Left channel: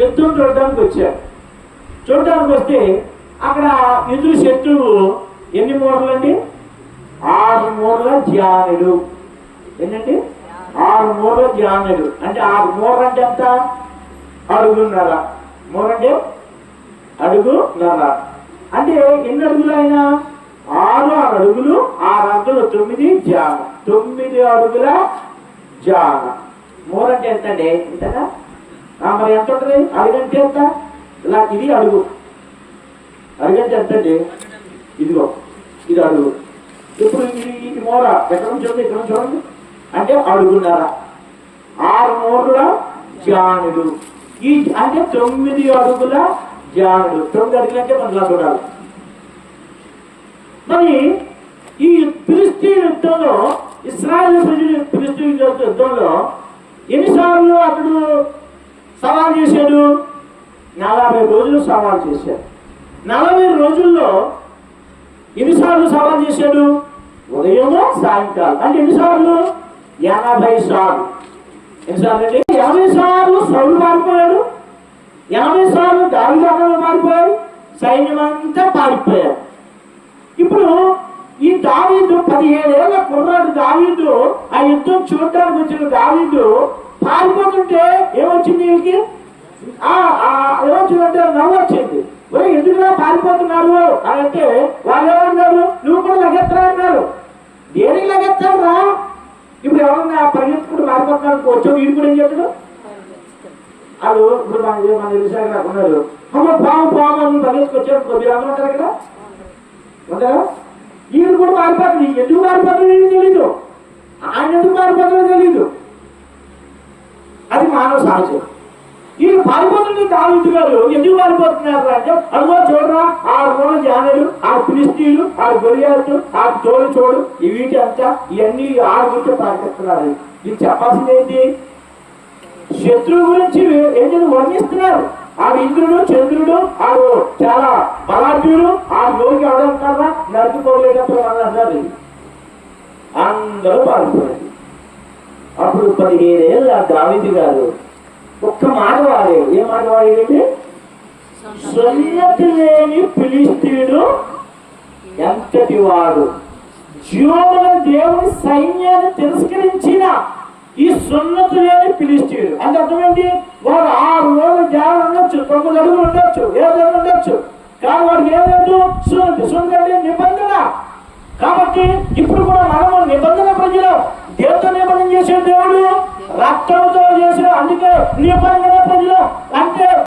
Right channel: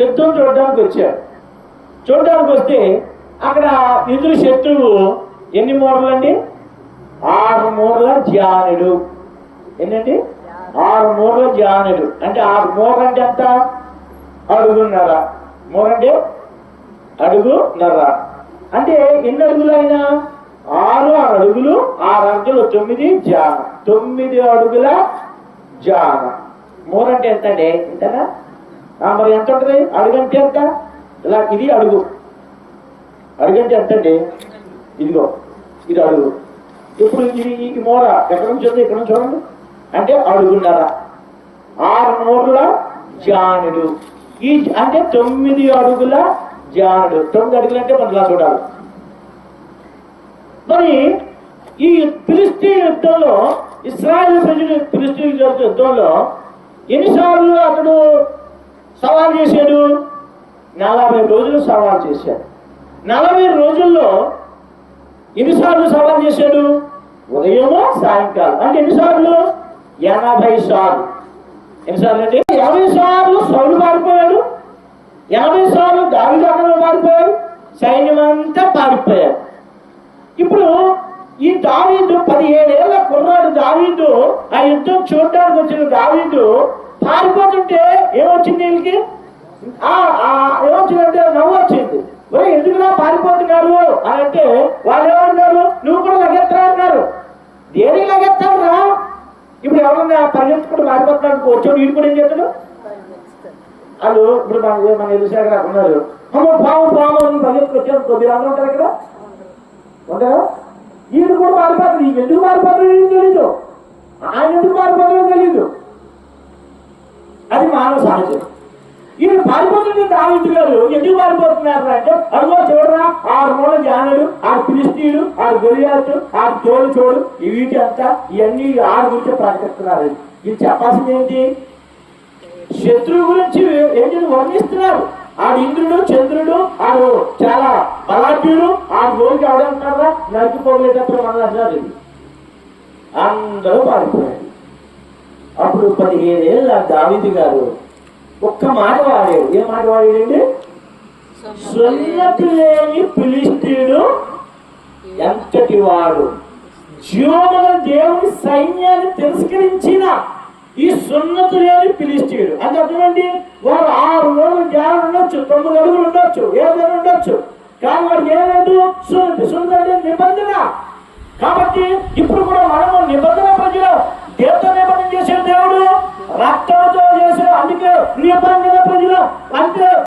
శత్రువు చూడడానికి వచ్చాడు. చూడడానికి వస్తే అక్కడ ఎదురు శత్రువు ఎన్ని మూరలు అండి? 6 మూరల జానుడు. ఏంటండి? 6 మూరల జానుడు అంటే 6 మూర అంటే ఎంత? అడుగున్నర. మూర అంటే అడుగున్నర. అంటే ఎన్ని అడుగులు అయినా 6 అడుగులు, 6 అడుగులు 9 జాన, 9 అడుగుల జాన. మూర అంటే ఎంత అండి? ఎంతనా? మరి ఎంత ఉంటుంది? అడుగంటే ఎంత? ఇలా ఇది అడుగు. అడుగంటే ఎంత అండి? ఇదిగో ఇది అడుగు. ఇప్పుడు ఇది మూర ఎక్కడ నుంచి ఉంది? ఇక్కడ నుంచి చూడండి. అంటే అడుగున్నర. 6 మూరల జానుడు. ఈ అంటే 9 అడుగుల జానుడు. 9 అడుగులు అంటే మనం ఇలా చూడాలి. మరి ఈ ఫిలిష్తీయుల యుద్ధంలో, ఇశ్రాయేలు ప్రజలు ఫిలిష్తీయుల యుద్ధంలో ఎన్నిసార్లు అతడు సవాల్ చేశాడు? 40 రోజులు సవాల్ చేశాడు. 40 రోజుల్లో ఎన్నిసార్లు సవాల్ చేశాడు? ఉదయము సాయంకాలం. అంటే ఎన్నిసార్లు? 80 సార్లు. ఎన్నిసార్లు అంటే 80 సార్లు సౌలు పారిపోయాడు, 80 సార్లు దావీదు పారిపోయాడు, సైన్యం అంతా పారిపోయారు. ఇప్పుడు ఈ దావీదు 17 ఏళ్ల కుర్రాడు దావీదు, ఆ యుద్ధం చూడడానికి వచ్చిన దావీదు పారిపోతుంటే ఏమొచ్చింది? వీళ్ళకి ఏమొచ్చిందంటే నవ్వు వచ్చింది. ఎందుకులా పారిపోతున్నారు అని అంటే వాళ్ళు ఏమన్నారు? నువ్వు కూడా లగెత్తరా అన్నారు. దేనికి లగెత్తాడు రా? ఇప్పుడు ఎవరన్నా పరిగెత్తుకుంటూ పారిపోతున్నాడు వచ్చాడు, వీడు కూడా ఏం చేస్తాడు? వాళ్ళు ఇప్పుడు మన విషయాలు ఉన్నారు. పాము పాము అని పరిగెత్తుకొచ్చాడు. కొద్ది రాములు ఉంటారు ఇక్కడ ఉంటారా? వీడు కూడా పారిపోతుంది. ఎందుకు పారిపోతుందో తెలీదు, ఆయన ఎందుకు పారిపోతుందో తెలీదు. అది మానవ సహజం. ఈయన పారిపోతుంది. దావీదు గారు ఎందుకు పారిపోతున్నారు అంటే, అదిగో చూడరా 6 మూరల జానుడు, 6 ఫిలిష్తీయులు, 6 గొలియాతు, 6 చోడు ఈ వీటి అంతా ఇవన్నీ 6 గురించి ప్రకటిస్తున్నారు. ఇది చెప్పాల్సింది ఏంటి? శత్రువు గురించి ఏంటి వర్ణిస్తున్నారు. ఆడు ఇంద్రుడు, చంద్రుడు, ఆడు చాలా బలాఢ్యుడు, ఆడు లోకి అవడంటారా నడుపుకోలేటప్పుడు అన్నారు. అందరూ పారిపోయారు. అప్పుడు 15 ఏళ్ళ దావీదు గారు ఒక్క మాట వాడాడు. ఏం మాట వాడాడంటే, సున్నతి లేని ఫిలిష్తీయుడు ఎంతటి వాడు, జీవముల దేవుని సైన్యాన్ని తిరస్కరించిన ఈ సున్నతి లేని ఫిలిష్తీయుడు. అంటే అర్థమేంటి? వాడు 6 రోజులు జ్ఞానం ఉండొచ్చు, 9 అడుగులు ఉండొచ్చు, ఏదైనా ఉండొచ్చు, కానీ వాడికి ఏలేదు సున్నతి నిబంధన. కాబట్టి ఇప్పుడు కూడా మనం నిబంధన ప్రజలు దేవుడు నిబంధన చేసే దేవుడు రక్తంతో చేసిన, అందుకే నిబంధన ప్రజలు అంటే